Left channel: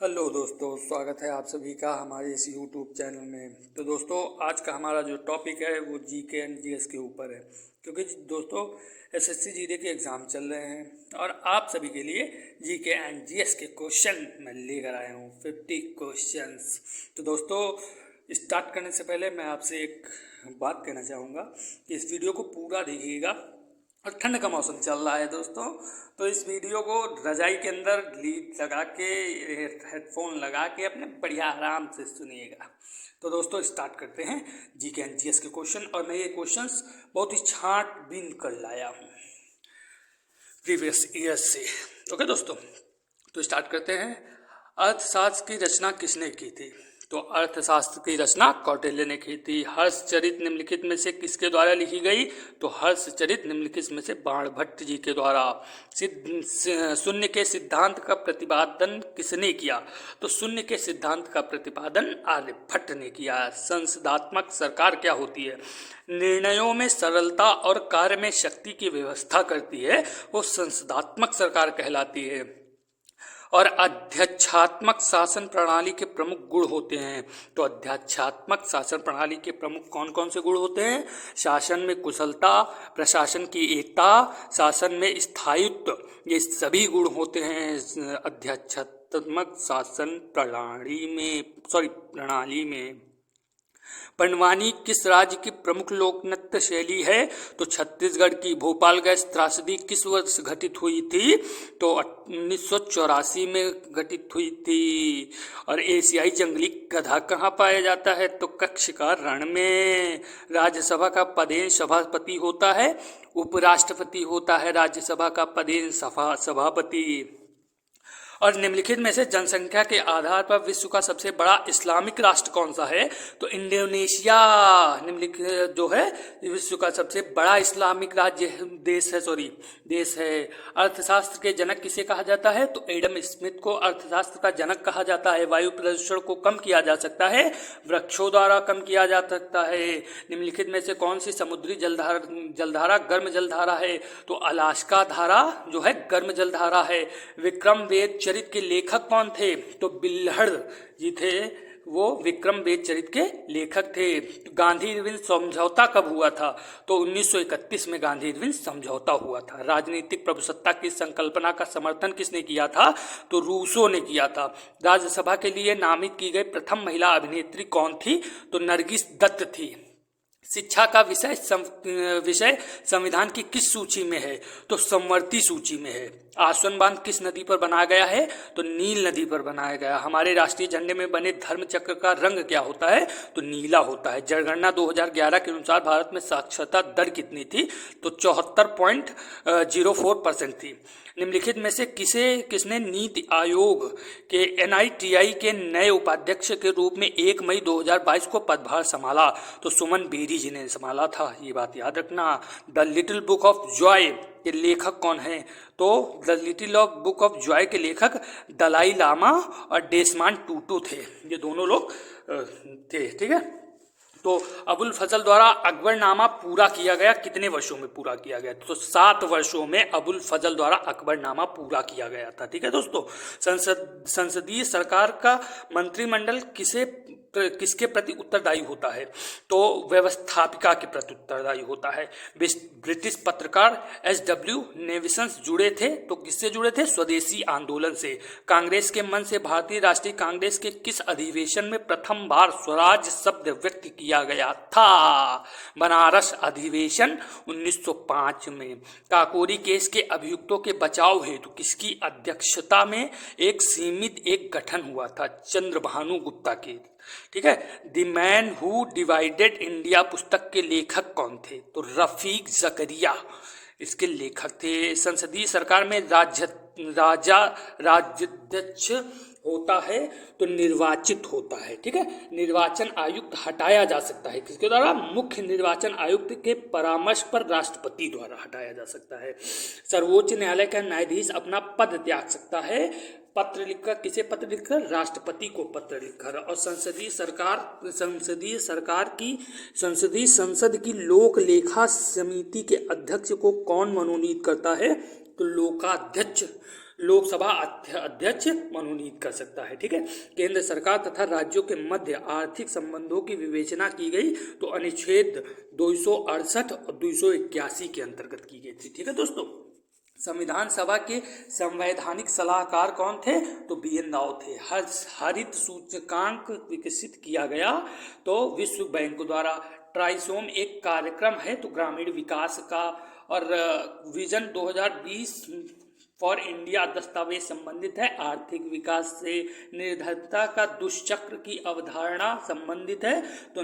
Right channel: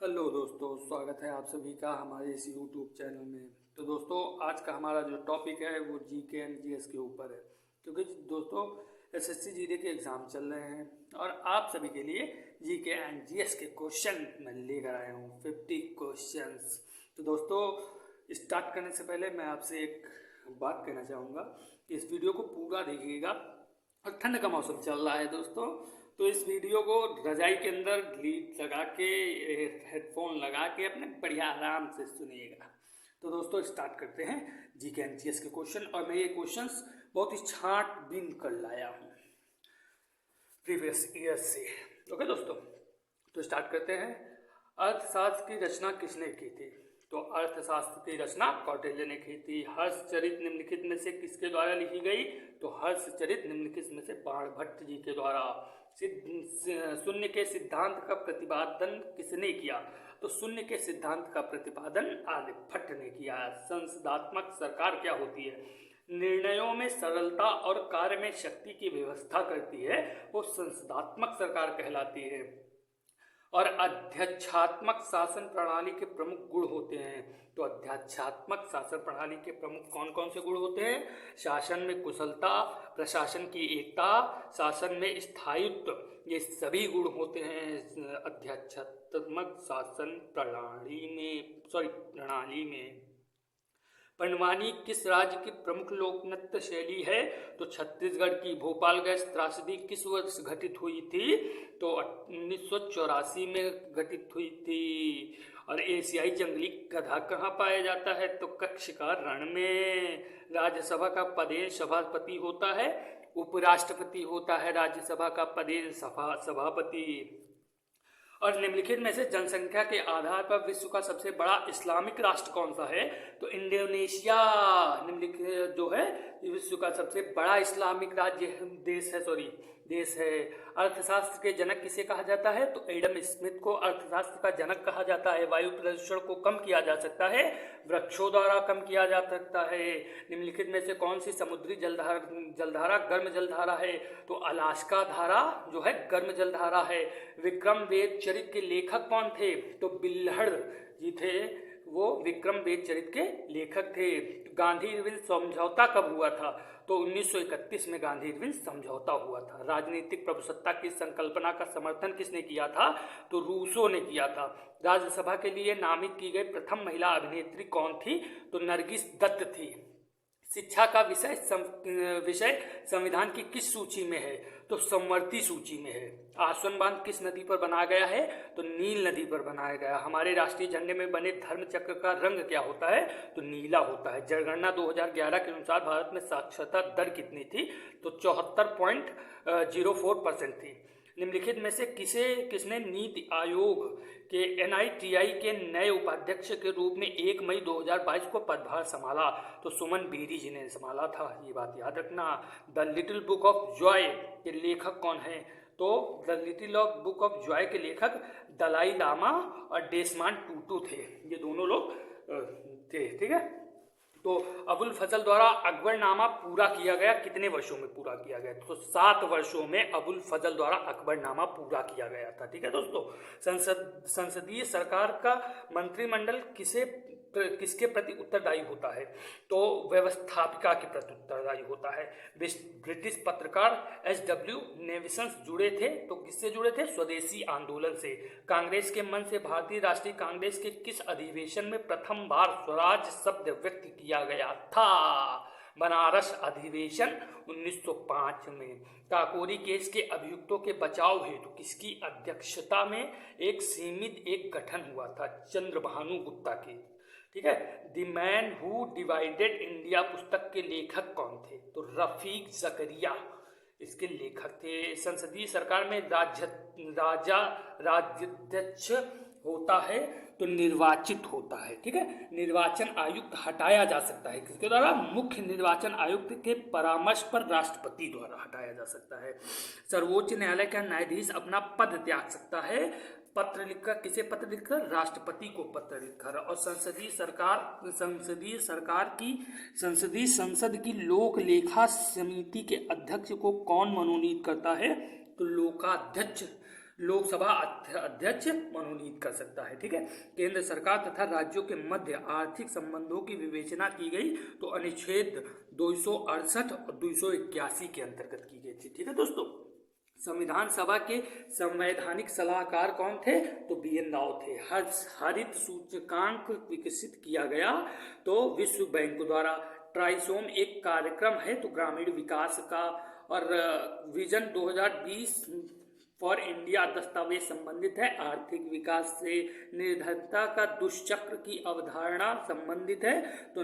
Hello दोस्तों, स्वागत है आप सभी का हमारे इस यूट्यूब चैनल में। तो दोस्तों, आज का हमारा जो टॉपिक है वो जीके एंड जीएस के ऊपर है, क्योंकि दोस्तों एसएससी जीडी के एग्ज़ाम चल रहे हैं और आप सभी के लिए जीके एंड जीएस के क्वेश्चन मैं लेकर आया हूँ 50 क्वेश्चंस। तो दोस्तों, स्टार्ट करने से पहले मैं आपसे एक बात कहना चाहूँगा कि इस वीडियो को पूरा देखिएगा। और ठंड का मौसम चल रहा है दोस्तों, तो इस वीडियो को रजाई के अंदर लीड लगा के, हेडफोन लगा के अपने बढ़िया आराम से सुनिएगा। तो दोस्तों, स्टार्ट करते हैं जीके एंड जीएस के क्वेश्चन। और मैं ये क्वेश्चंस बहुत ही छांटबीन कर लाया हूँ प्रीवियस ईयर्स से। ओके दोस्तों, तो स्टार्ट करते हैं। अर्थशास्त्र की रचना किसने की थी? तो अर्थशास्त्र की रचना कौटिल्य ने की थी। हर्षचरित निम्नलिखित में से किसके द्वारा लिखी गई? तो हर्षचरित निम्नलिखित में से बाणभट्ट जी के द्वारा। शून्य के सिद्धांत का प्रतिपादन किसने किया? तो शून्य के सिद्धांत का प्रतिपादन आर्यभट्ट ने किया। संसदात्मक सरकार क्या होती है? निर्णयों में सरलता और कार्य में शक्ति की व्यवस्था करती है, वो संसदात्मक सरकार कहलाती है। और अध्यक्षात्मक शासन प्रणाली के प्रमुख गुण होते हैं। तो अध्यक्षात्मक शासन प्रणाली के प्रमुख कौन कौन से गुण होते हैं? शासन में कुशलता, प्रशासन की एकता, शासन में स्थायित्व, ये सभी गुण होते हैं अध्यक्षात्मक शासन प्रणाली में। पंडवानी किस राज्य की प्रमुख लोक नृत्य शैली है? तो छत्तीसगढ़ की। भोपाल गैस त्रासदी किस वर्ष घटित हुई थी? तो 1984 में घटित हुई थी। और एशियाई जंगली गधा कहाँ पाया जाता है? तो कच्छ का रण में। राज्यसभा का पदेन सभापति होता है, उपराष्ट्रपति होता है राज्यसभा का पदेन सभापति। और निम्नलिखित में से जनसंख्या के आधार पर विश्व का सबसे बड़ा इस्लामिक राष्ट्र कौन सा है? तो इंडोनेशिया निम्नलिखित जो है विश्व का सबसे बड़ा इस्लामिक देश है। अर्थशास्त्र के जनक किसे कहा जाता है? तो एडम स्मिथ को अर्थशास्त्र का जनक कहा जाता है। वायु प्रदूषण को कम किया जा सकता है, वृक्षों द्वारा कम किया जा सकता है। निम्नलिखित में से कौन सी समुद्री जलधारा गर्म जलधारा है? तो अलास्का धारा जो है गर्म जलधारा है। विक्रम वेद चरित के लेखक कौन थे? तो बिल्हड़ जी थे, वो विक्रम वेद चरित के लेखक थे। गांधी इरविन समझौता कब हुआ था? तो 1931 में गांधी इरविन समझौता हुआ था। राजनीतिक प्रभुसत्ता की संकल्पना का समर्थन किसने किया था? तो रूसो ने किया था। राज्यसभा के लिए नामित की गई प्रथम महिला अभिनेत्री कौन थी? तो नरगिस दत्त थी। शिक्षा का विषय संविधान की किस सूची में है? तो समवर्ती सूची में है। आसवन बांध किस नदी पर बनाया गया है? तो नील नदी पर बनाया गया। हमारे राष्ट्रीय झंडे में बने धर्म चक्र का रंग क्या होता है? तो नीला होता है। जनगणना 2011 के अनुसार भारत में साक्षरता दर कितनी थी? तो 74.04% थी। निम्नलिखित में से किसने नीति आयोग के NITI के नए उपाध्यक्ष के रूप में 1 मई 2022 को पदभार संभाला? तो सुमन बेरी जी ने संभाला था, ये बात याद रखना। The little book of Joy के लेखक कौन है? तो the little book of Joy के लेखक दलाई लामा और डेसमांड टूटू थे, ये दोनों लोग थे। ठीक है, तो अबुल फजल द्वारा अकबरनामा पूरा किया गया कितने वर्षों में पूरा किया गया? तो 7 वर्षों में अबुल फजल द्वारा अकबरनामा पूरा किया गया था। ठीक है दोस्तों, संसदीय सरकार का मंत्रिमंडल किसके प्रति उत्तरदायी होता है? तो व्यवस्थापिका के प्रति उत्तरदायी होता है। ब्रिटिश पत्रकार SW नेविसन जुड़े थे, तो किससे जुड़े थे? स्वदेशी आंदोलन से। कांग्रेस के मन से भारतीय राष्ट्रीय कांग्रेस के किस अधिवेशन में प्रथम बार स्वराज शब्द व्यक्त किया गया था? बनारस अधिवेशन 1905 में। काकोरी केस के अभियुक्तों के बचाव हेतु किसकी अध्यक्षता में एक सीमित गठन हुआ था? चंद्रभानु गुप्ता की। ठीक है, the man who divided India पुस्तक के लेखक कौन थे? तो रफीक जकरिया इसके लेखक थे। संसदीय सरकार में राज्याध्यक्ष होता है तो निर्वाचित होता है। ठीक है, निर्वाचन आयुक्त हटाया जा सकता है किसके द्वारा? मुख्य निर्वाचन आयुक्त के परामर्श पर राष्ट्रपति द्वारा हटाया जा सकता है। सर्वोच्च न्यायालय का न्यायाधीश अपना पद त्याग सकता है पत्र लिखकर। किसे पत्र लिखकर? राष्ट्रपति को पत्र लिखकर। और संसद की लोक लेखा समिति के अध्यक्ष को कौन मनोनीत करता है? तो लोकाध्यक्ष लोकसभा अध्यक्ष मनोनीत कर सकता है। ठीक है, केंद्र सरकार तथा राज्यों के मध्य आर्थिक संबंधों की विवेचना की गई तो अनुच्छेद 268 और 281 के अंतर्गत की गई थी। ठीक है दोस्तों, संविधान सभा के संवैधानिक सलाहकार कौन थे? तो BN राव थे। हरित सूचकांक विकसित किया गया तो विश्व बैंक द्वारा। ट्राइसोम एक कार्यक्रम है तो ग्रामीण विकास का। और विजन 2020 फॉर इंडिया दस्तावेज संबंधित है आर्थिक विकास से। निर्धनता का दुष्चक्र की अवधारणा संबंधित है तो